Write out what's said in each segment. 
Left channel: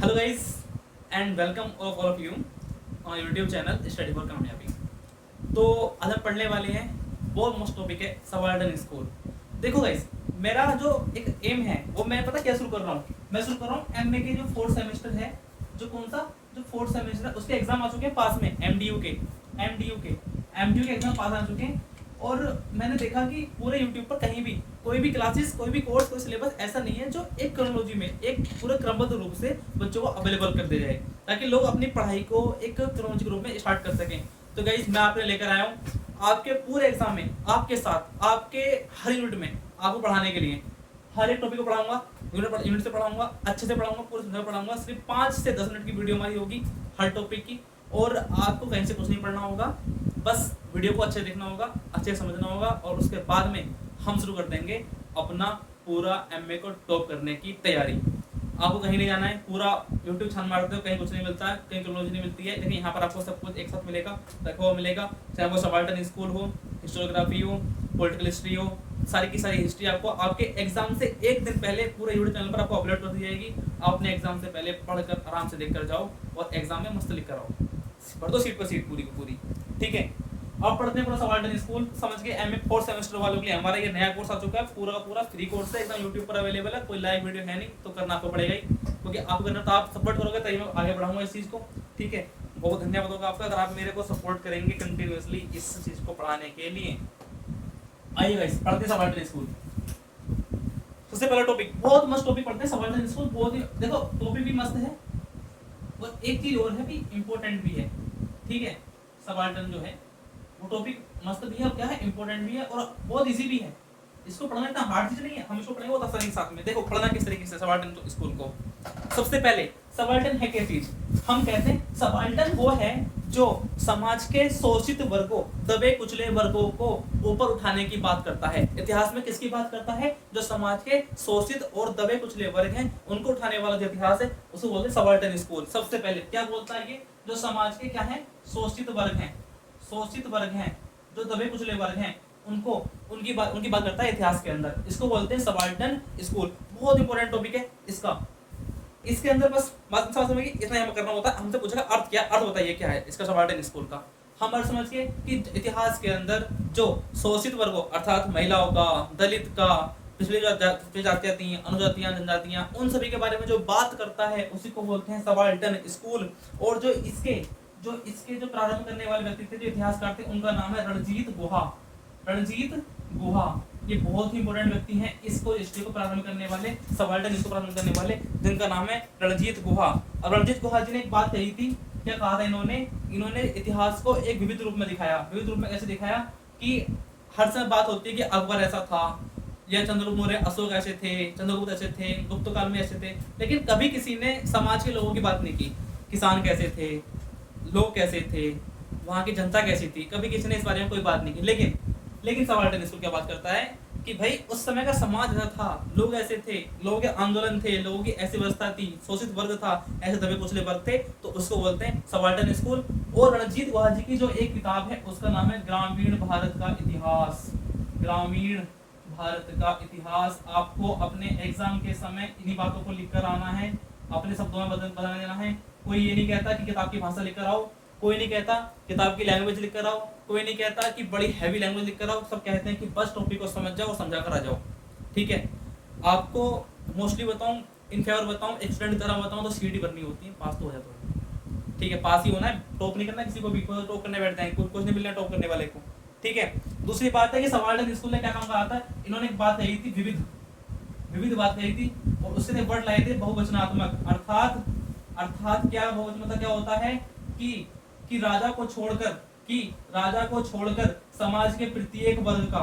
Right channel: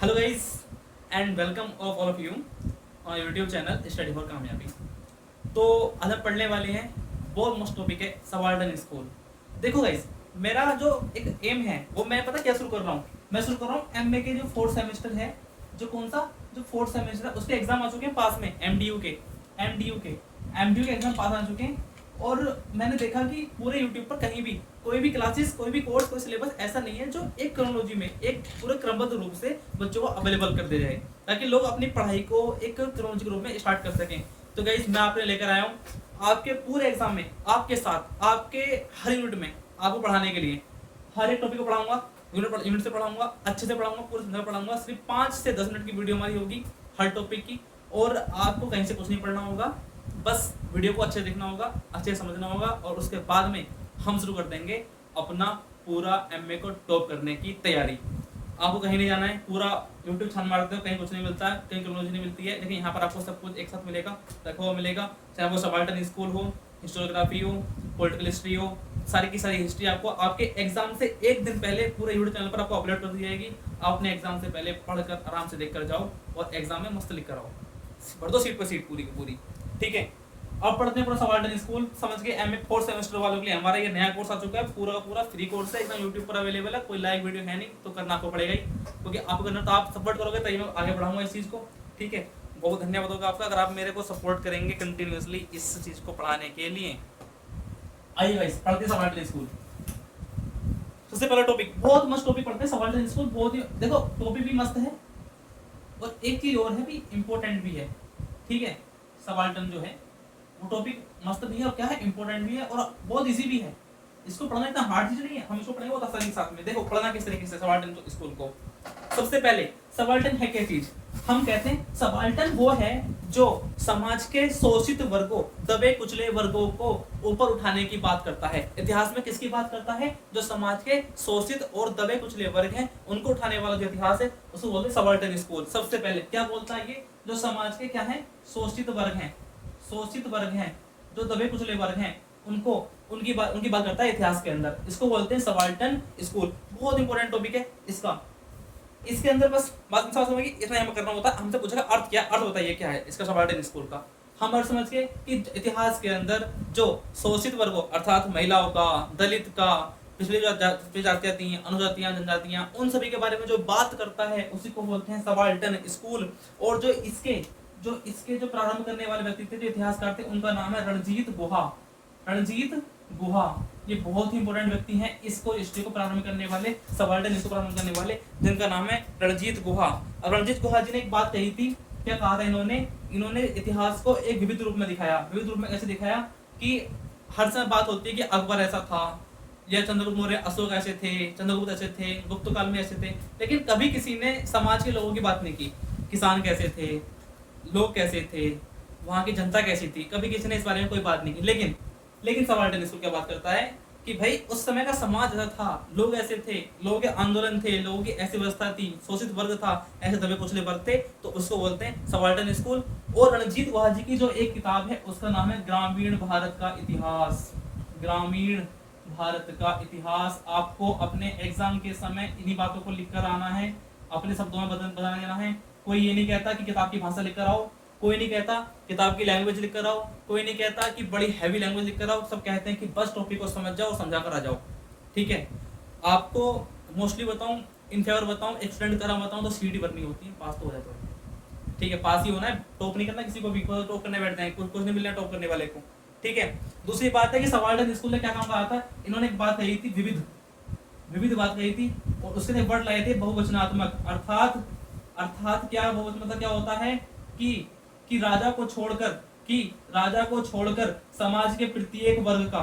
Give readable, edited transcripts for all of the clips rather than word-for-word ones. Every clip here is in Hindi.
Hello guys and welcome all of you on YouTube channel study for कामयाबी। तो आज हम पढ़ने वाले हैं बहुत मस्त टॉपिक है सबाल्टर्न स्कूल। देखो गाइस, मेरा जो एक एम है वो मैं पता क्या शुरू कर रहा हूँ। मैं शुरू कर रहा हूँ एमए के जो फोर्थ सेमेस्टर है, जो कौन सा जो फोर्थ सेमेस्टर है उसके एग्जाम आ चुके हैं पास में। एमडीयू के एग्जाम पास आ चुके हैं। और मैंने देखा कि पूरे यूट्यूब पर कहीं भी कोई भी क्लासेस, कोई भी कोर्स, कोई सिलेबस ऐसा नहीं है जो एक क्रोनोलॉजी में, एक पूरे क्रमबद्ध रूप से बच्चों को अवेलेबल कर दे जाए, ताकि लोग अपनी पढ़ाई को एक क्रोनोलॉजिक रूप में स्टार्ट कर सकें। तो गाइस, मैं आपने लेकर आया हूँ आपके पूरे एग्जाम में, आपके साथ, आपके हर यूनिट में आपको पढ़ाने के लिए हर एक टॉपिक को पढ़ाऊंगा, यूनिट से पढ़ाऊंगा, अच्छे से पढ़ाऊंगा, पूरे समझ पढ़ाऊंगा। सिर्फ 5 से 10 मिनट की वीडियो हमारी होगी हर टॉपिक की, और आपको कहीं से कुछ नहीं पढ़ना होगा, बस वीडियो को अच्छे देखना होगा, अच्छे समझना होगा, और उसके बाद में हम शुरू कर देंगे अपना पूरा एमए को टॉप करने की तैयारी। आपको कहीं नहीं जाना है, पूरा यूट्यूब छान मारते हो कहीं कुछ नहीं मिलता है, कहीं टेक्नोलॉजी नहीं मिलती है, लेकिन यहाँ पर आपको सब कुछ एक साथ मिलेगा, रखा हुआ मिलेगा। चाहे वो सबाल्टर्न स्कूल हो, हिस्टोग्राफी हो, पॉलिटिकल हिस्ट्री हो, सारी की सारी हिस्ट्री आपको आपके एग्जाम से एक दिन पहले पूरे यूट्यूब चैनल पर आपको अपलोड कर दी जाएगी। आप अपने एग्जाम से पहले पढ़कर आराम से देख कर जाओ और एग्जाम में मस्त लिख कर आओ, भर दो सीट पर सीट पूरी की पूरी। ठीक है, अब पढ़ते हैं पूरा सबाल्टर्न स्कूल। समझ के एमए फोर्थ सेमेस्टर वालों के लिए हमारा ये नया कोर्स आ चुका है, पूरा का पूरा फ्री कोर्स है, एकदम यूट्यूब पर अवेलेबल है। कोई लाइव वीडियो है नहीं, तो करना आपको पड़ेगा ही, क्योंकि आपको करना तो आप सपोर्ट करोगे तभी मैं आगे बढ़ाऊंगा इस चीज़ को। ठीक है, बहुत धन्यवाद होगा आपका अगर आप मेरे को सपोर्ट करेंगे कंटिन्यूसली इस चीज़ को पढ़ाने के लिए। आइए गाइस, पढ़ते हैं सबाल्टर्न स्कूल। सबसे पहला टॉपिक, बहुत मस्त टॉपिक पढ़ते हैं सबाल्टर्न स्कूल। बहुत ही, देखो टॉपिक भी मस्त है और एक चीज और है भी, इंपॉर्टेंट भी है। ठीक है, सबाल्टर्न जो है वो टॉपिक मस्त भी है और क्या है, इंपॉर्टेंट भी है और बहुत इजी भी है। इसको पढ़ना इतना हार्ड चीज नहीं है, हम इसको पढ़ेंगे बहुत आसानी के साथ में। देखो पढ़ना किस तरीके से सबाल्टर्न तो स्कूल को। सबसे पहले सबाल्टर्न है क्या चीज? हम कहते हैं सबाल्टर्न वो है जो समाज के शोषित वर्गों, दबे कुचले वर्गों को ऊपर उठाने की बात करता है। इतिहास में किसकी बात करता है? जो समाज के शोषित और दबे कुचले वर्ग हैं उनको उठाने वाला जो इतिहास है उसको बोलते हैं सबाल्टर्न स्कूल। सबसे पहले क्या बोलता है ये? जो समाज के क्या है, शोषित वर्ग हैं, शोषित वर्ग हैं, जो दबे कुचले वर्ग हैं, उनको उनकी बात करता है इतिहास के अंदर। इसको बोलते हैं सबाल्टर्न स्कूल। बहुत इंपॉर्टेंट टॉपिक है इसका। इसके अंदर बस बात समझ में इतना यहाँ करना होता है। हमसे पूछेगा अर्थ क्या, अर्थ बताइए क्या है इसका सबाल्टर्न स्कूल का। हम अर्थ समझ के कि इतिहास के अंदर जो शोषित वर्गों अर्थात महिलाओं का, दलित का, पिछड़ी जातियां थी, अनुजातियां, जनजातियां, उन सभी के बारे में जो बात करता है उसी को बोलते हैं सबाल्टर्न स्कूल। और जो इसके जो प्रारंभ करने वाले व्यक्ति थे, जो इतिहासकार थे, उनका नाम है रणजीत गुहा। रणजीत गुहा ये बहुत ही इंपॉर्टेंट व्यक्ति हैं इसको, हिस्ट्री को प्रारंभ करने वाले, सबाल्टर्न इसको प्रारंभ करने वाले, जिनका नाम है रणजीत गुहा। और रणजीत गुहा जी ने एक बात कही थी, क्या कहा था इन्होंने इतिहास को एक विविध रूप में दिखाया। विविध रूप में ऐसे दिखाया कि हर समय बात होती है कि अकबर ऐसा था, या चंद्रगुप्त मौर्य, अशोक ऐसे थे, चंद्रगुप्त ऐसे थे, गुप्त काल में ऐसे थे, लेकिन कभी किसी ने समाज के लोगों की बात नहीं की। किसान कैसे थे, लोग कैसे थे, वहाँ की जनता कैसी थी, कभी किसी ने इस बारे में कोई बात नहीं की। लेकिन सबाल्टर्न स्कूल क्या बात करता है कि भाई उस समय का समाज ऐसा था, लोग ऐसे थे, लोगों के आंदोलन थे, लोगों की ऐसी व्यवस्था थी, शोषित वर्ग था, ऐसे दबे कुचले वर्ग थे, तो उसको बोलते हैं सबाल्टर्न स्कूल। और रणजीत गुहा जी की जो एक किताब है उसका नाम है ग्रामीण भारत का इतिहास। ग्रामीण भारत का इतिहास। आपको अपने एग्जाम के समय इन्हीं बातों को लिख कर आना है, अपने शब्दों में बदलना देना है। कोई ये नहीं कहता कि किताब की भाषा लिख कर आओ, कोई नहीं कहता किताब की लैंग्वेज लिख कर आओ, कोई नहीं कहता कि बड़ी हैवी लैंग्वेज लिख कर आओ। सब कहते हैं कि बस टॉपिक को समझ जाओ और समझा कर आ जाओ। ठीक है, आपको मोस्टली बताऊं, इन फेवर बताऊं, एक स्टूडेंट की तरह बताऊं तो सीडी भरनी होती है, पास तो हो जाता है। ठीक है, पास ही होना है, टॉप नहीं करना किसी को भी। टॉप करने बैठते हैं, कुछ नहीं मिलना टॉप करने वाले को। ठीक है, दूसरी बात है कि सबाल्टर्न स्कूल ने क्या काम करा था, इन्होंने एक बात कही थी, विविध बात कही थी, और उसके वर्ड लाए थे बहुवचनात्मक। अर्थात क्या बहुवचन मतलब क्या होता है कि राजा को छोड़कर समाज के प्रत्येक वर्ग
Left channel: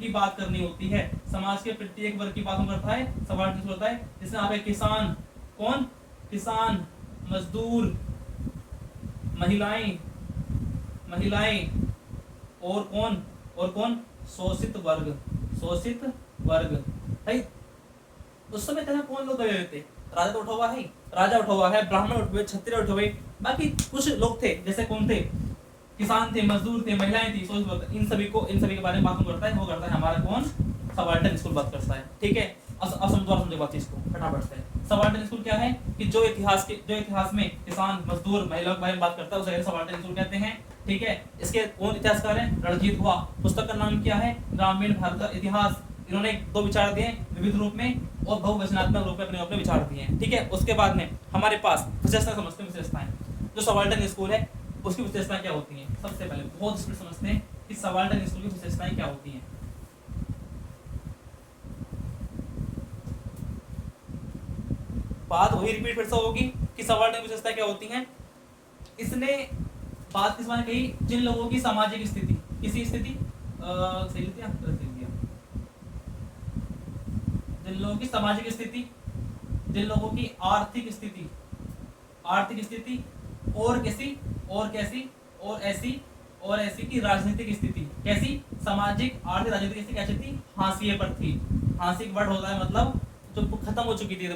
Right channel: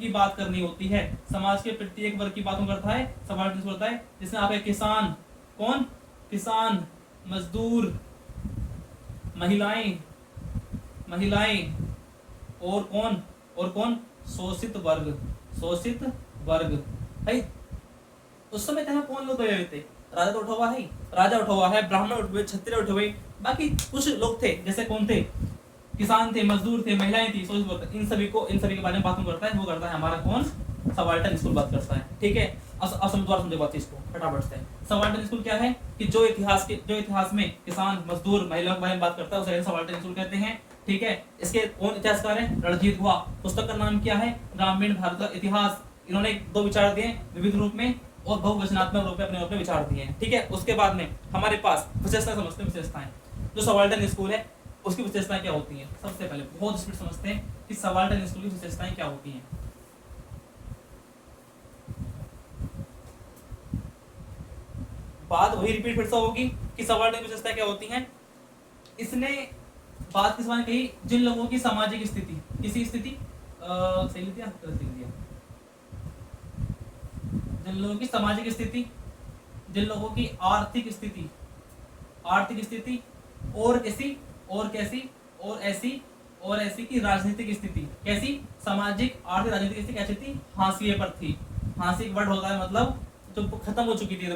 की बात करनी होती है। समाज के प्रत्येक वर्ग की बातों करता है सबाल्टर्न होता है, जिसमें आप किसान, कौन? किसान, मजदूर, महिलाएं और कौन? शोषित वर्ग। भाई उस समय क्या कौन लोग गए हुए थे? राजा तो उठा हुआ है, ब्राह्मण उठे हुए, क्षत्रिय उठे हुए, बाकी कुछ लोग थे, जैसे कौन थे? किसान थे, मजदूर थे, महिलाएं थी, इन सभी के बारे में बात करता है। वो करता है हमारा कौन? सबाल्टर्न स्कूल बात करता है। ठीक है, असम द्वारा समझो बात इसको फटाफट से। सबाल्टर्न स्कूल क्या है कि जो इतिहास में किसान मजदूर महिलाओं के बारे में बात करता है उसे सबाल्टर्न स्कूल कहते हैं। ठीक है, इसके कौन इतिहासकार हैं? रणजीत गुहा। पुस्तक का नाम क्या है? ग्रामीण भारत का इतिहास। इन्होंने दो विचार दिए विविध रूप में और बहुवचनात्मक रूप में अपने विचार दिए हैं। ठीक है, उसके बाद में हमारे पास विशेषता समझते हैं। विशेषताएं जो सबाल्टर्न स्कूल है उसकी विशेषताएं क्या होती हैं? सबसे पहले बहुत स्पीड समझते हैं कि सबाल्टर्न स्कूल की विशेषताएं क्या होती हैं। बात वही रिपीट फिर से होगी कि सबाल्टर्न की विशेषताएं क्या होती हैं। इसने बात किस बारे में कही? जिन लोगों की सामाजिक स्थिति, किसी स्थिति सही लिख दिया, गलत लिख दिया, जिन लोगों की सामाजिक स्थिति, जिन लोगों की आर्थिक स्थिति और कैसी और ऐसी की राजनीतिक स्थिति, कैसी? सामाजिक आर्थिक राजनीतिक स्थिति कैसी थी? हाशिए पर थी। हाशिए वर्ड होता है मतलब जो खत्म हो चुकी थी,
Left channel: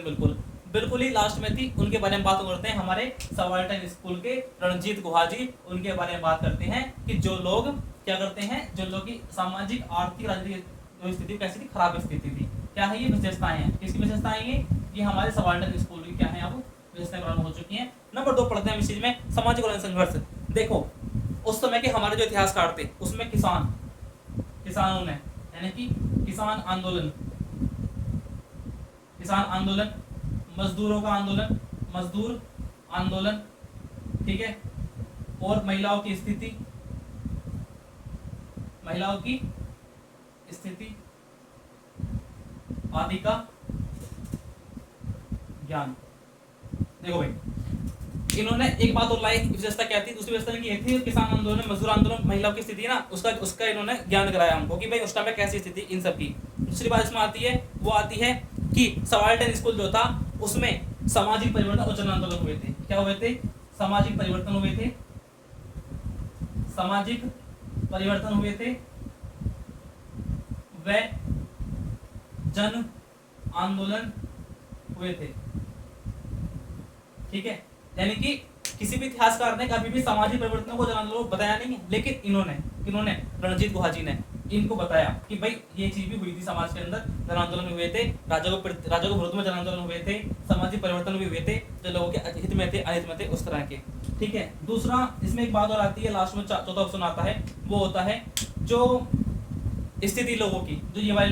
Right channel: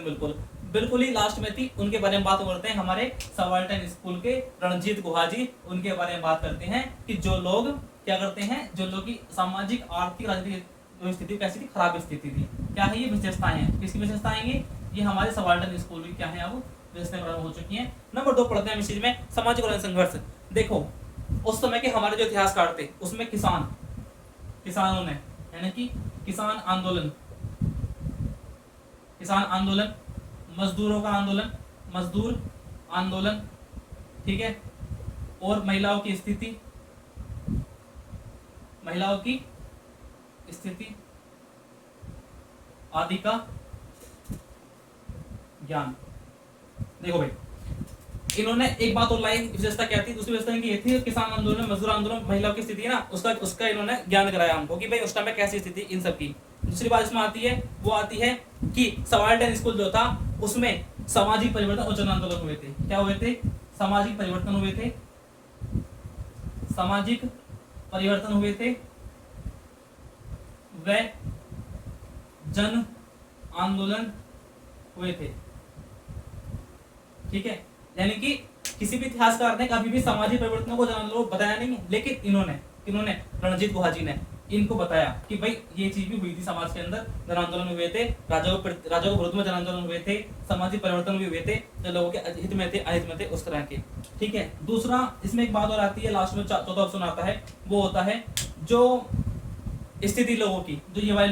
बिल्कुल ही लास्ट में थी। उनके बारे में बात करते हैं हमारे सबाल्टर्न स्कूल के रणजीत गुहा जी। उनके बारे में बात करते हैं कि जो लोग क्या करते हैं, जो लोग की सामाजिक आर्थिक राजनीतिक जो स्थिति कैसी थी? खराब स्थिति थी। क्या है ये? विशेषताएं हैं। किसकी विशेषताएं? ये हमारे सबाल्टर्न स्कूल की क्या है अब विशेषताएं प्रारंभ हो चुकी हैं। नंबर 2 पढ़ते हैं इस चीज में, सामाजिक और संघर्ष। देखो उस समय के हमारे जो इतिहासकार थे उसमें किसानों ने यानी कि किसान आंदोलन, मजदूर आंदोलन, ठीक है, और महिलाओं की स्थिति आदि का ज्ञान। देखो भाई इन्होंने एक बात और लाई, विशेषता क्या थी? दूसरी विशेषता की ये थी किसान आंदोलन, मजदूर आंदोलन, महिलाओं की स्थिति है ना, उसका इन्होंने ज्ञान कराया हमको कि भाई उस टाइम में कैसी स्थिति इन सब की। दूसरी बात इसमें आती है वो आती है कि सबाल्टर्न स्कूल जो था उसमें सामाजिक परिवर्तन और जन आंदोलन हुए थे। क्या हुए थे? सामाजिक परिवर्तन हुए थे व जन आंदोलन हुए थे। ठीक है, यानी कि किसी भी इतिहासकार ने कभी भी सामाजिक परिवर्तनों को जन आंदोलन बताया नहीं है, लेकिन इन्होंने रणजीत गुहा जी ने इनको बताया कि भाई ये चीज भी हुई थी समाज के अंदर, जन आंदोलन हुए थे, राजा को विरोध में जन आंदोलन हुए थे, सामाजिक परिवर्तन भी हुए थे जो लोगों के हित में थे, अहित में थे, उस तरह के। ठीक है, दूसरा इसमें एक बात और आती है, लास्ट में चौथा ऑप्शन आता है, वो होता है जो स्थिति लोगों की, जो ये वाले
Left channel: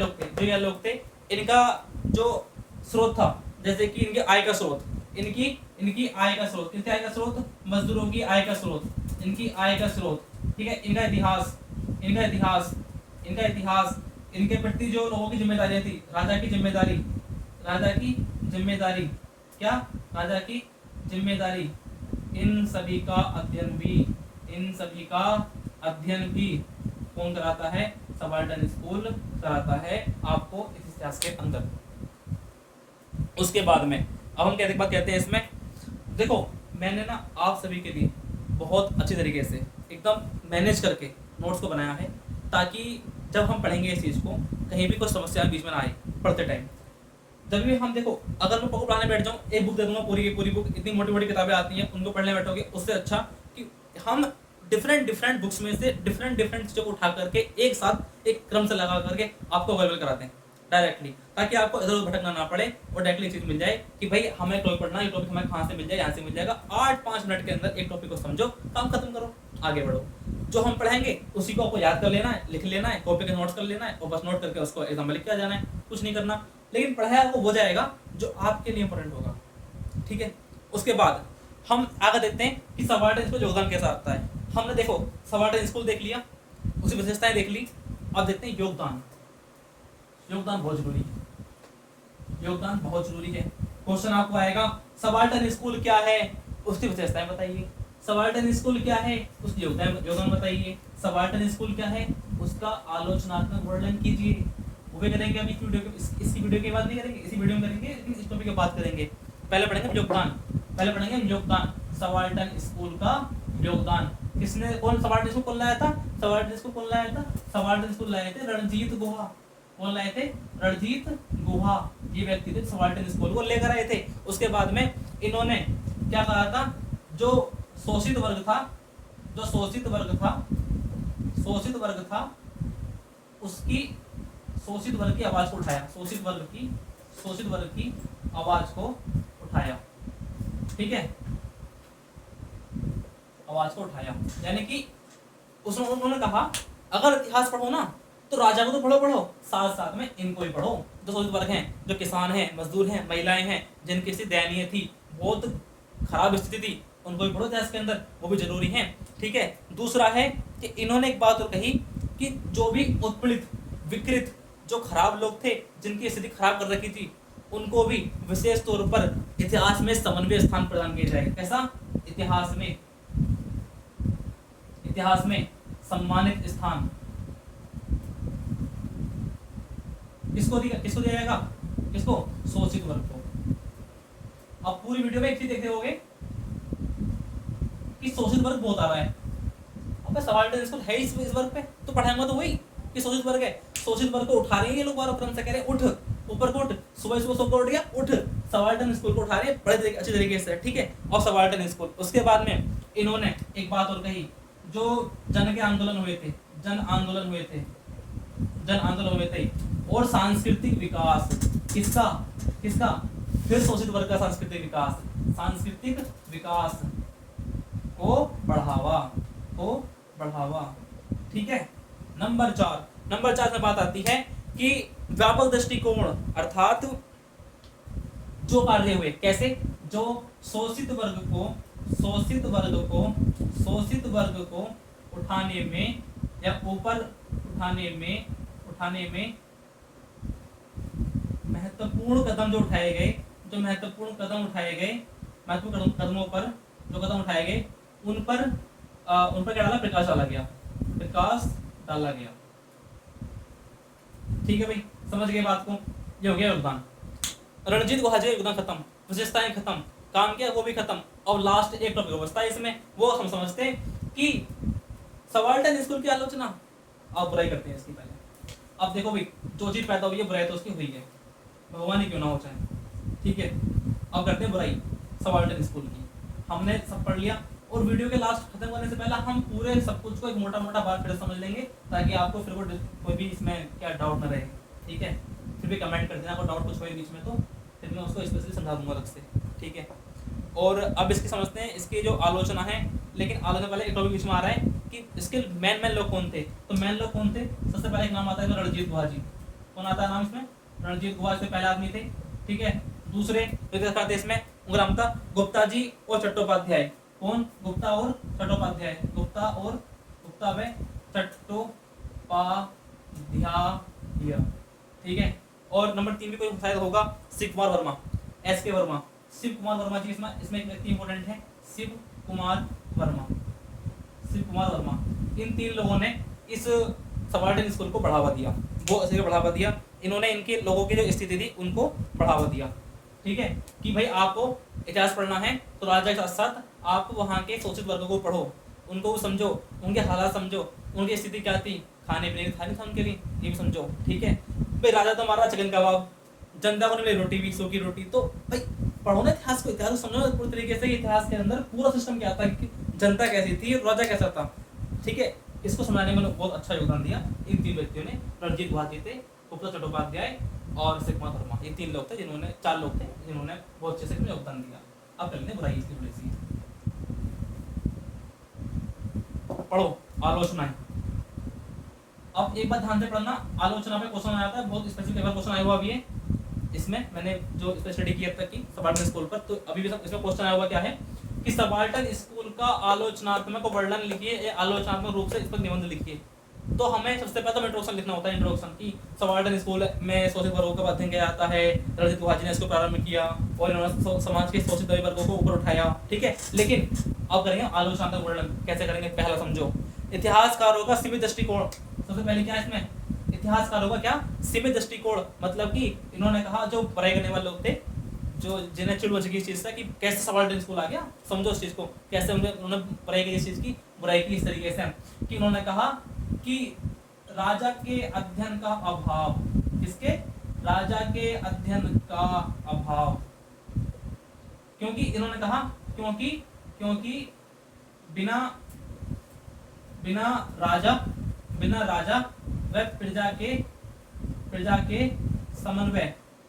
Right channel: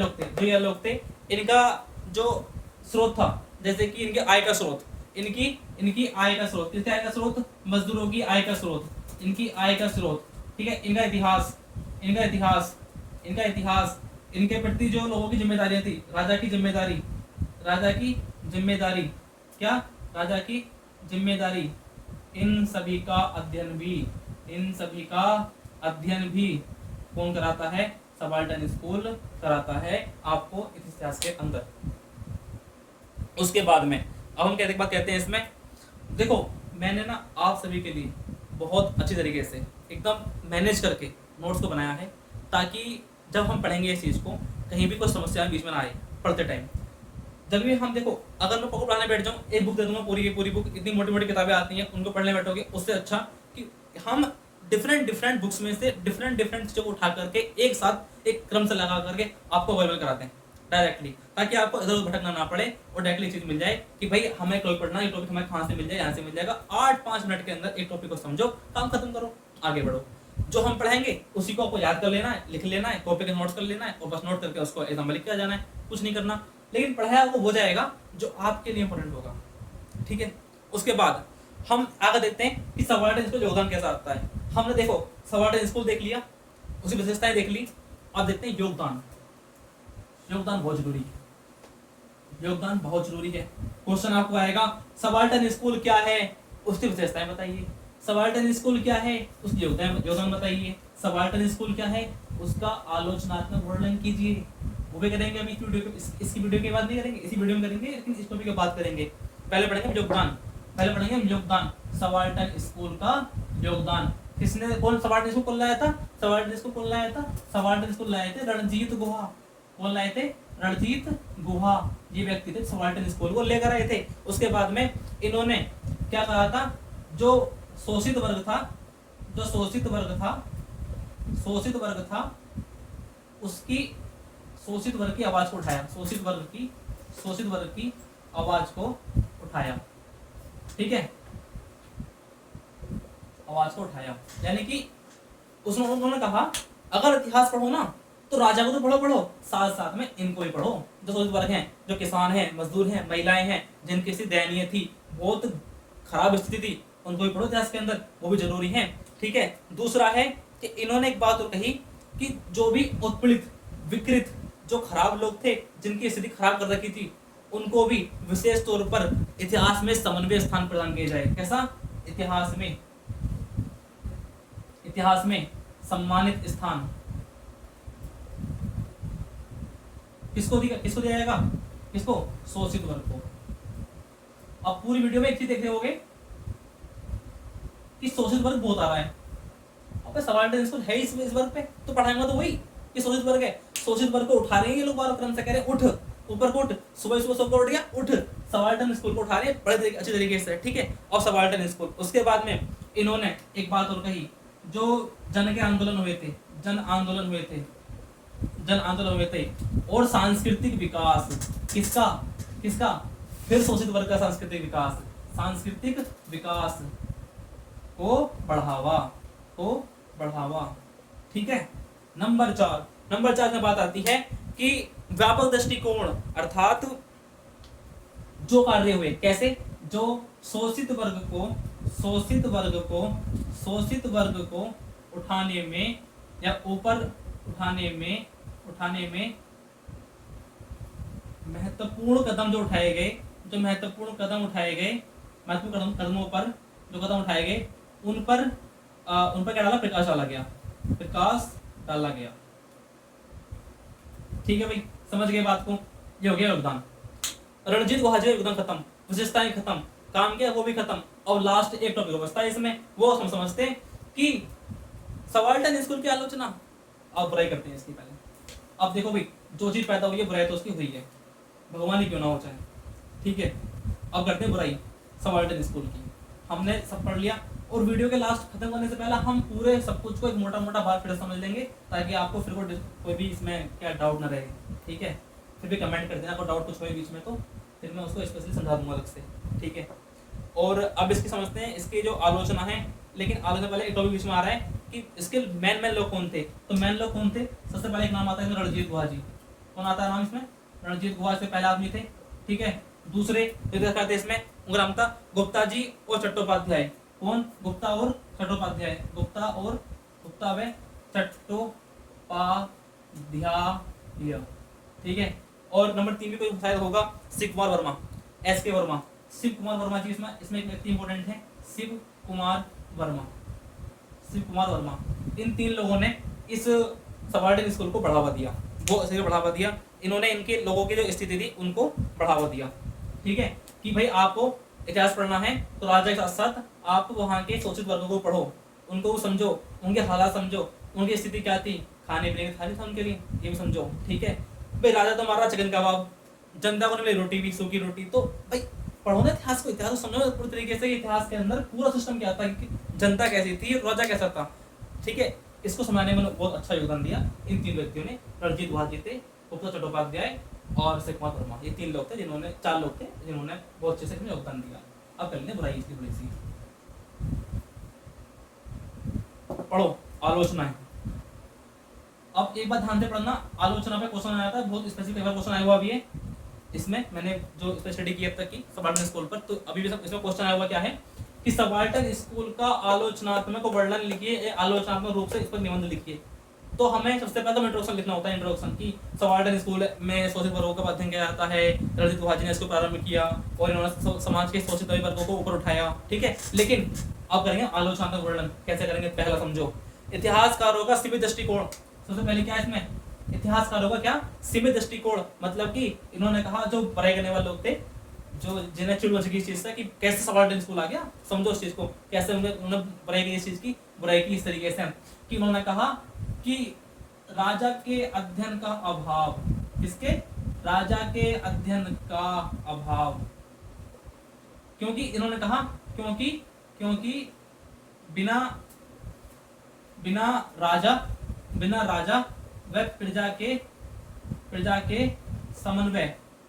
लोग थे, इनका जो स्रोत था, जैसे कि इनके आय का स्रोत, इनकी आय का स्रोत, किसके आय का स्रोत? मजदूरों की आय का स्रोत, इनकी आय का स्रोत। ठीक है, इनका इतिहास, इनके प्रति जो लोगों की जिम्मेदारियां थी, राजा की जिम्मेदारी, इन सभी का अध्ययन भी कौन कराता है? सबाल्टर्न स्कूल कराता है आपको इतिहास के अंदर। उसके बाद में अब हम बात कहते हैं इसमें, देखो मैंने ना आप सभी के लिए बहुत अच्छी तरीके से एकदम मैनेज करके नोट्स को बनाया है, ताकि जब हम पढ़ेंगे इस चीज़ को कहीं भी कोई समस्या बीच में ना आए पढ़ते टाइम। जब भी हम देखो, अगर मैं पढ़ने बैठ जाऊँ, एक बुक दे दूंगा पूरी की पूरी बुक, इतनी मोटी मोटी किताबें आती हैं, उनको पढ़ने बैठोगे, उससे अच्छा कि हम डिफरेंट बुक्स में से डिफरेंट चीज़ों को उठा करके एक साथ एक क्रम से लगा करके आपको अवेलेबल कराते हैं डायरेक्टली, ताकि आपको इधर उधर भटकना ना पड़े और डायरेक्टली चीज मिल जाए कि भाई हमें टॉपिक पढ़ना, ये टॉपिक हमें कहाँ से मिल जाए, यहाँ से मिल जाएगा। 8-5 मिनट के अंदर एक टॉपिक को समझो, काम खत्म करो, आगे बढ़ो। जो हम पढ़ेंगे उसी को आपको याद कर लेना है, लिख लेना है, कॉपी के नोट्स कर लेना है और बस नोट करके उसको एग्जाम में लिख के जाना है, कुछ नहीं करना। लेकिन पढ़ाया वो हो जाएगा जो आपके लिए इंपॉर्टेंट होगा। ठीक है, उसके बाद हम आगे देखते हैं कि सबाल्टर्न स्कूल योगदान कैसा आता है। हमने देखो सबाल्टर्न स्कूल देख लिया, उसकी विशेषताएं देख ली, अब देखते हैं योगदान बहुत जरूरी है। योगदान बहुत जरूरी है। क्वेश्चन आपको आएगा सबाल्टर्न स्कूल क्या है, उसकी विशेषताएं बताइए। सबाल्टर्न स्कूल क्या है, उसकी योगदान बताइए। सबाल्टर्न स्कूल क्या है, उसका आलोचनात्मक वर्णन कीजिए। वो भी करेंगे अभी इसकी वीडियो के बाद नहीं करेंगे, इसी वीडियो में करेंगे, लेकिन इस टॉपिक की बात करेंगे। पहले पढ़ेंगे योगदान, सबाल्टर्न स्कूल का योगदान। कौन सबाल्टर्न स्कूल खोल लाया था? सबाल्टर्न स्कूल लाए थे रणजीत गुहा। कौन लाए थे? रणजीत गुहा, ये व्यक्ति थे सबाल्टर्न स्कूल को लेकर आए थे। उसके बाद में इन्होंने क्या कहा था, जो शोषित वर्ग था उसकी शोषित वर्ग की आवाज को उठाया, शोषित वर्ग शोषित वर्ग की आवाज को उठाया। ठीक है, आवाज को उठाया, यानी कि उन्होंने कहा अगर इतिहास पढ़ो ना तो राजा को तो पढ़ो, साथ साथ में इनको भी पढ़ो, जो शोषित वर्ग हैं, जो किसान हैं, मजदूर हैं, महिलाएं हैं, जिनकी स्थिति दयनीय थी, बहुत खराब स्थिति थी, उनको भी पढ़ो इतिहास के अंदर, वो भी जरूरी है। ठीक है, दूसरा है कि इन्होंने एक बात और कही कि जो भी उत्पीड़ित, विकृत, जो खराब लोग थे, जिनकी स्थिति खराब कर रखी थी, उनको भी विशेष तौर पर इतिहास में समन्वय स्थान प्रदान किया जाए। कैसा? इतिहास में सम्मानित स्थान किसको दिया जाएगा? किसको? शोषित वर्ग को। अब पूरी वीडियो में एक चीज देख रहे होगे कि शोषित वर्ग बहुत आ रहा है। अब सबाल्टर्न स्कूल है इस वर्ग पे, तो पढ़ाएंगे तो वही कि शोषित वर्ग है। शोषित वर्ग को उठा रहे हैं ये लोग, बार तुरंत से कह रहे हैं उठ, ऊपर को उठ, सुबह सुबह सबको उठ गया, उठ। सबाल्टर्न स्कूल को उठा रहे हैं बड़े अच्छी तरीके से। ठीक है, और सबाल्टर्न स्कूल। उसके बाद में इन्होंने एक बात और कही, जो जन के आंदोलन हुए थे, जन आंदोलन हुए थे और सांस्कृतिक विकास, किसका? फिर शोषित वर्ग का सांस्कृतिक विकास को बढ़ावा। ठीक है, नंबर 4 में बात आती है कि व्यापक दृष्टिकोण, अर्थात जो कार्य हुए, कैसे? जो शोषित वर्ग को उठाने में या ऊपर उठाने में महत्वपूर्ण कदम उठाए गए, जो कदम उठाए गए, उन पर क्या डाला? प्रकाश डाला गया। ठीक है भाई, समझ गए बात को? ये हो गया योगदान। रणजीत गुहा जी योगदान खत्म, विशेषताएं खत्म, काम किया वो भी खत्म। और लास्ट एक टॉपिक बचता है इसमें, वो हम समझते हैं कि सबाल्टर्न स्कूल की आलोचना। आप बुराई करते हैं इसकी पहले। अब देखो भाई, जो चीज पैदा हुई है बुराई तो उसकी हुई है, भगवान ही क्यों ना हो चाहे। ठीक है, अब करते हैं बुराई सबाल्टर्न स्कूल की। हमने सब पढ़ लिया, और वीडियो के लास्ट खत्म करने से पहले हम पूरे सब कुछ को एक मोटा बात फिर समझ लेंगे, ताकि आपको फिर कोई भी इसमें क्या डाउट ना रहे। ठीक है, फिर भी कमेंट कर देना अगर डाउट कुछ हुए बीच में, तो फिर मैं उसको स्पेशली समझा दूंगा अलग से। ठीक है, और अब इसकी समझते हैं, इसकी जो आलोचना है। लेकिन आलोचना पहले एक टॉपिक बीच में आ रहा है कि इसके मेन लोग कौन थे। तो मेन लोग कौन थे? सबसे पहले एक नाम आता है रणजीत गुहा जी। कौन आता है नाम इसमें? रणजीत गुहा से पहले आदमी थे। ठीक है, दूसरे इसमें उनका नाम था गुप्ता जी और चट्टोपाध्याय। कौन? गुप्ता और चट्टोपाध्याय। ठीक है, और नंबर 3 भी कोई शायद होगा, शिव कुमार वर्मा, SK वर्मा। शिव कुमार वर्मा जी इसमें एक व्यक्ति इंपॉर्टेंट है, शिव कुमार वर्मा। इन 3 लोगों ने इस सबाल्टर्न स्कूल को बढ़ावा दिया। इन्होंने इनके लोगों की जो स्थिति थी उनको बढ़ावा दिया। ठीक है, कि भाई आपको इतिहास पढ़ना है तो राजा के साथ साथ आप वहाँ के शोषित वर्गों को पढ़ो, उनको समझो, उनके हालात समझो, उनकी स्थिति क्या थी, खाने पीने की थाली था उनके लिए, ये भी समझो। ठीक है भाई, राजा तो मारा चिकन कबाब, जनता को नहीं मिली रोटी भी, सूखी रोटी। तो भाई पढ़ो ना इतिहास को, इतिहास को समझो पूरी तरीके से। इतिहास के अंदर पूरा सिस्टम क्या था, कि जनता कैसी थी, राजा कैसा था। ठीक है, इसको समझाने में बहुत अच्छा योगदान दिया इन 3 व्यक्तियों ने। रणजीत गुहा जी थे, गुप्ता चट्टोपाध्याय और शिव कुमार वर्मा। ये 4 लोग थे जिन्होंने बहुत अच्छे से योगदान दिया। अब कर लेते बुराई इसकी थोड़ी सी। पढ़ो, आलोचना है। अब एक बात ध्यान से पढ़ना, आलोचना पे क्वेश्चन आया था, बहुत स्पेसिफिक क्वेश्चन आया हुआ भी है इसमें। मैंने जो इस पर स्टडी किया था कि सबाल्टर्न स्कूल पर, तो अभी भी सब इसमें क्वेश्चन आया हुआ क्या है कि सबाल्टर्न स्कूल का आलोचनात्मक वर्णन लिखिए, आलोचनात्मक रूप से इस पर निबंध लिखिए। तो हमें सबसे पहले तो इंट्रोडक्शन लिखना होता है, इंट्रोडक्शन की सबाल्टर्न स्कूल में शोषित वर्गों का अध्ययन किया जाता है, रणजीत गुहा जी ने इसको प्रारंभ किया और इन्होंने समाज के शोषित वर्गों को ऊपर उठाया। ठीक है, लेकिन अब करेंगे आलोचनात्मक वर्णन। कैसे करेंगे? पहला समझो, इतिहासकारों का सीमित दृष्टिकोण। सबसे पहले क्या है इसमें? इतिहासकारों का क्या? सीमित दृष्टिकोण। मतलब कि इन्होंने कहा जो बुराई करने वाले लोग थे, जो जिन्हें चिड़ लगी इस चीज से कि कैसे सबाल्टर्न स्कूल आ गया, समझो इस चीज को, कैसे उन्होंने बुराई की, इस चीज की बुराई की इस तरीके से कि उन्होंने कहा कि राजा के अध्ययन का अभाव। किसके? राजा के अध्ययन का अभाव। क्योंकि इन्होंने कहा क्योंकि बिना राजा व प्रजा के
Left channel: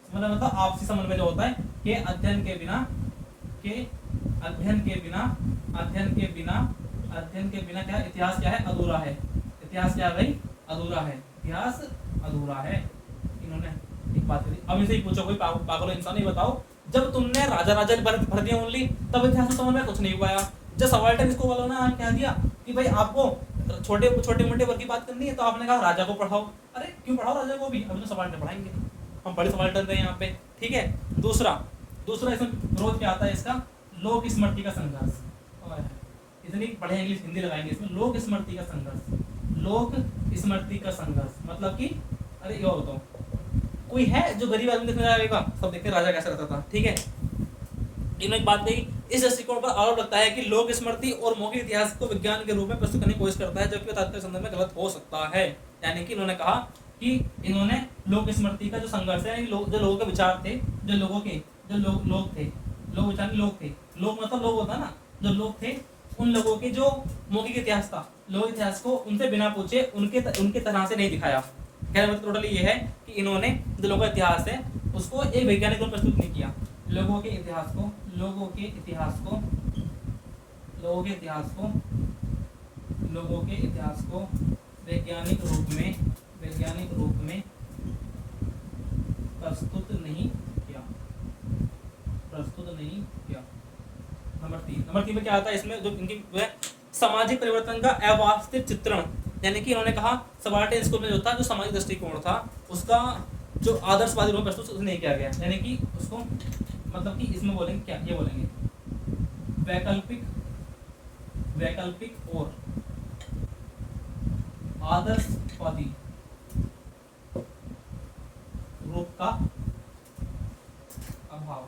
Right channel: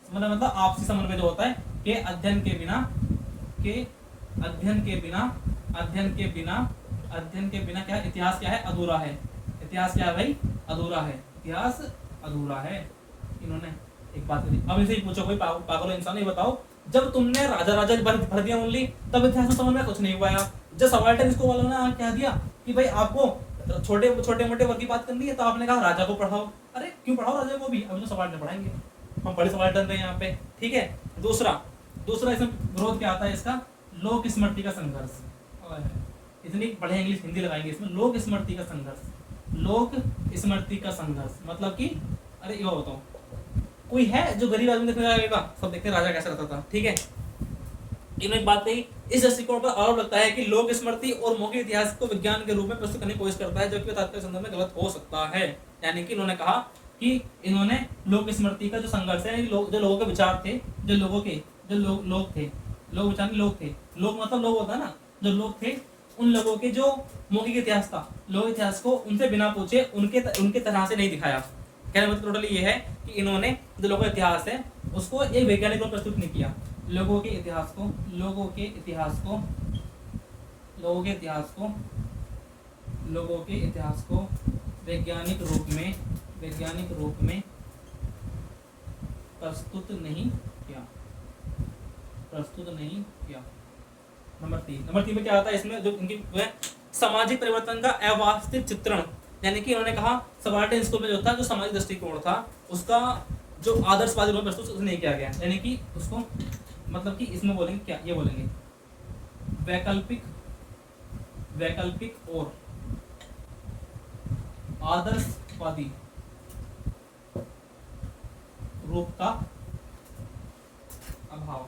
मतलब आपसी समन्वय जो होता है कि अध्ययन के बिना क्या इतिहास क्या है, अधूरा है। इतिहास क्या है भाई, अधूरा है। इतिहास अधूरा है। इन्होंने एक बात करी। अब इनसे ही पूछो कोई पागल इंसान, ये बताओ जब तुमने राजा राजा भर दिया ओनली, तब इतिहास समझ में कुछ नहीं हुआ यार। जब सबाल्टर्न स्कूल वालों ने क्या दिया कि भाई आपको छोटे मोटे वर्ग की बात करनी है, तो आपने कहा राजा को पढ़ाओ। अरे क्यों पढ़ाओ राजा को भी, अब जो सबाल्टर्न पढ़ाएंगे, हम बड़े सबाल्टर्न गए यहाँ पे, ठीक है। दूसरा इसमें विरोध क्या आता है इसका, लोक स्मृति का संघर्ष। इतनी बढ़िया इंग्लिश हिंदी लगाएंगे इसमें, लोक स्मृति का संघर्ष। लोक स्मृति का संघर्ष मतलब कि अरे ये बताओ, कोई है जो गरीब आदमी देखने जाएगा, सब देखते राजा कैसा रहता था, ठीक है। इन्होंने एक बात कही, इस दृष्टिकोण पर आरोप लगता है कि लोक स्मृति और मौखिक इतिहास को विज्ञान के रूप में प्रस्तुत करने की कोशिश करता है, जबकि तात्पर्य संदर्भ में गलत हो सकता है। यानी कि इन्होंने कहा कि इन्होंने लोक स्मृति का जो संघर्ष है, जो लोगों के विचार थे, जो लोग थे, लोग विचार लोग थे, लोग मतलब लोग होता ना, जो लोग थे उन लोगों के जो मौखिक इतिहास था, लोक इतिहास को उनसे बिना पूछे उनके तरह से नहीं दिखाया। कहने मतलब टोटली ये है कि इन्होंने जो लोगों का इतिहास है उसको एक वैज्ञानिक रूप प्रस्तुत नहीं किया। लोगों के इतिहास को वैज्ञानिक रूप में प्रस्तुत नहीं किया। नंबर 3 में क्या आता है इसमें, जो इनकी सामाजिक परिवर्तन का अवास्तविक चित्रण। यानी कि उन्होंने कहा सबाल्टर्न स्कूल में जो था, जो सामाजिक दृष्टिकोण था, उसका जो आदर्शवादी रूप में प्रस्तुत नहीं किया गया। यानी कि उसको मतलब कि इसमें बोलेंगे क्या, ये बोलेंगे वैकल्पिक और आदर्शवादी रूप का अभाव।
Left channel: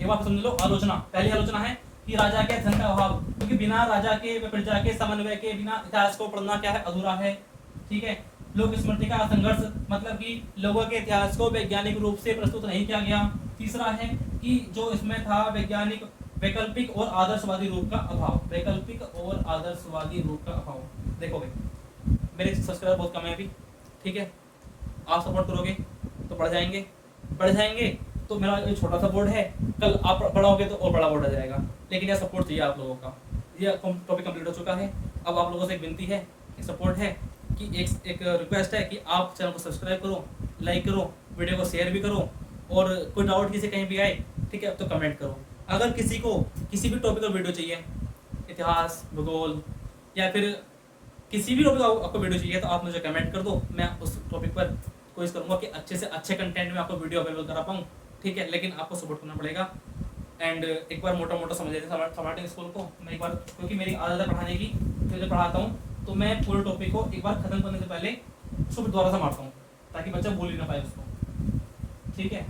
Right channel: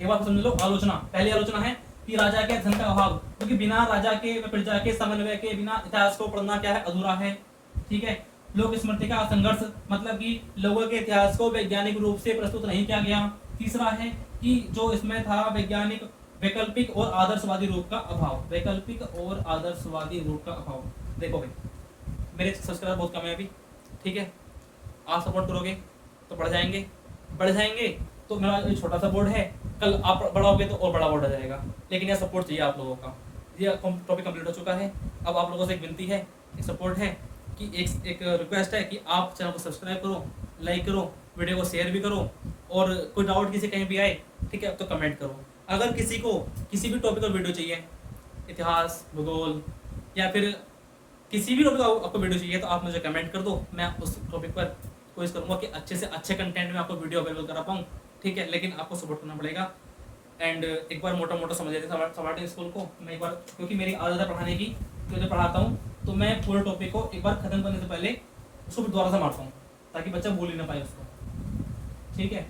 एक बात समझ लो, आलोचना, पहली आलोचना है कि राजा के अध्ययन का अभाव, क्योंकि बिना राजा के प्रजा के समन्वय के बिना इतिहास को पढ़ना क्या है, अधूरा है, ठीक है। लोक स्मृति का संघर्ष मतलब कि लोगों के इतिहास को वैज्ञानिक रूप से प्रस्तुत नहीं किया गया। तीसरा है कि जो इसमें था वैकल्पिक और आदर्शवादी रूप का अभाव। देखो भाई, मेरे सब्सक्राइबर बहुत कम है अभी, ठीक है। आप सपोर्ट करोगे तो बढ़ जाएंगे तो मेरा ये छोटा सा बोर्ड है, कल आप बड़ा होगे तो और बड़ा बोर्ड आ जाएगा। लेकिन यह सपोर्ट चाहिए आप लोगों का। ये टॉपिक कंप्लीट हो चुका है। अब आप लोगों से एक विनती है, एक सपोर्ट है कि एक रिक्वेस्ट है कि आप चैनल को सब्सक्राइब करो, लाइक करो, वीडियो को शेयर भी करो, और कोई डाउट किसी कहीं भी आए, ठीक है, तो कमेंट करो। अगर किसी को किसी भी टॉपिक पर वीडियो चाहिए, इतिहास, भूगोल या फिर किसी भी टॉपिक आपको वीडियो चाहिए, तो आप मुझे कमेंट कर दो। मैं उस टॉपिक पर कोशिश करूँगा कि अच्छे से अच्छे कंटेंट में आपको वीडियो अवेलेबल करा पाऊँ, ठीक है। लेकिन आपको सपोर्ट करना पड़ेगा। एंड एक बार मोटा समझ लेते हैं सबाल्टर्न स्कूल को। मैं एक बार, क्योंकि मेरी आदत है पढ़ाने की, तो जब पढ़ाता हूँ तो मैं पूरे टॉपिक को एक बार खत्म करने से पहले उसको दोबारा से मारता हूँ, ताकि बच्चा भूल ही ना पाए उसको, ठीक है।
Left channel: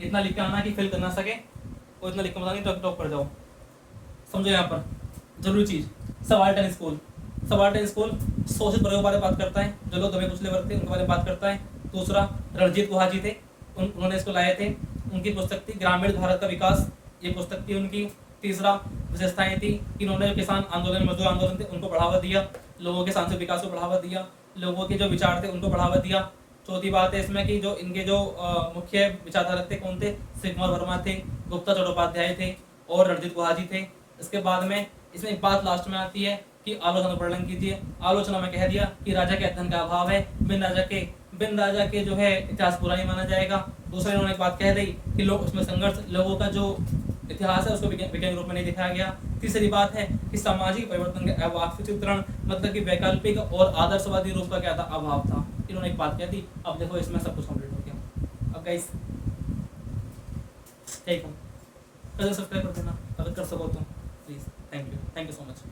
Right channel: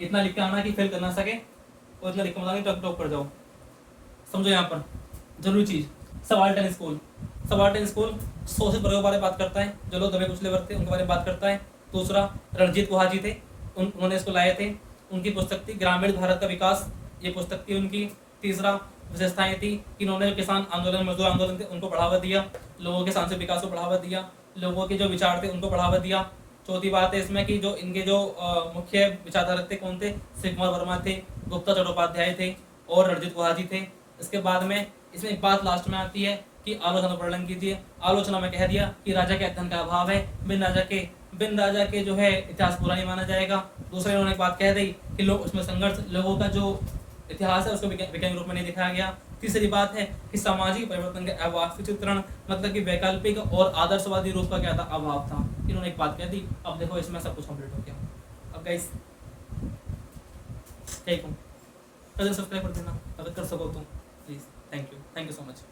इतना लिख के आना कि फेल कर ना सके, और इतना लिख के बताना टॉप कर जाओ। समझो यहाँ पर जरूरी चीज़, सबाल्टर्न स्कूल शोषित वर्गों के बारे में बात करता है, जो लोग दबे कुचले वर्ग थे उनके बारे में बात करता है। दूसरा, रणजीत गुहा जी थे, उन्होंने इसको लाए थे, उनकी पुस्तक थी ग्रामीण भारत का विकास, ये पुस्तक थी उनकी। तीसरा, विशेषताएं थी कि इन्होंने किसान आंदोलन, मजदूर आंदोलन थे उनको बढ़ावा दिया, लोगों के सांस्कृतिक विकास को बढ़ावा दिया, लोगों के जो विचार थे उनको बढ़ावा दिया। चौथी बात है इसमें कि जो इनके जो मुख्य विचारधारक थे कौन थे, श्री कुमार वर्मा थे, गुप्ता चट्टोपाध्याय थे और रणजीत गुहा जी थे। इसके बाद में इसमें एक बात लास्ट में आती है कि आलोचना वर्णन कीजिए। आलोचना में कह दिया कि राजा के अध्ययन का अभाव है, बिन राजा के जो है इतिहास पूरा नहीं माना जाएगा। दूसरे उन्होंने एक बात कह दी कि लोग उसमें संघर्ष, लोगों का जो इतिहास है उसको वैज्ञानिक रूप में नहीं दिखाया गया। तीसरी बात है कि सामाजिक परिवर्तन का अवास्तविक चित्रण, मतलब कि वैकल्पिक और आदर्शवादी रूप का क्या था, अभाव था। इन्होंने एक बात कह दी। अब देखो इसमें सब कुछ कंप्लीट हो गया। अब गाइस ठीक हूँ, सब्सक्राइब कर देना अगर कर सको तो please. Thank you so much.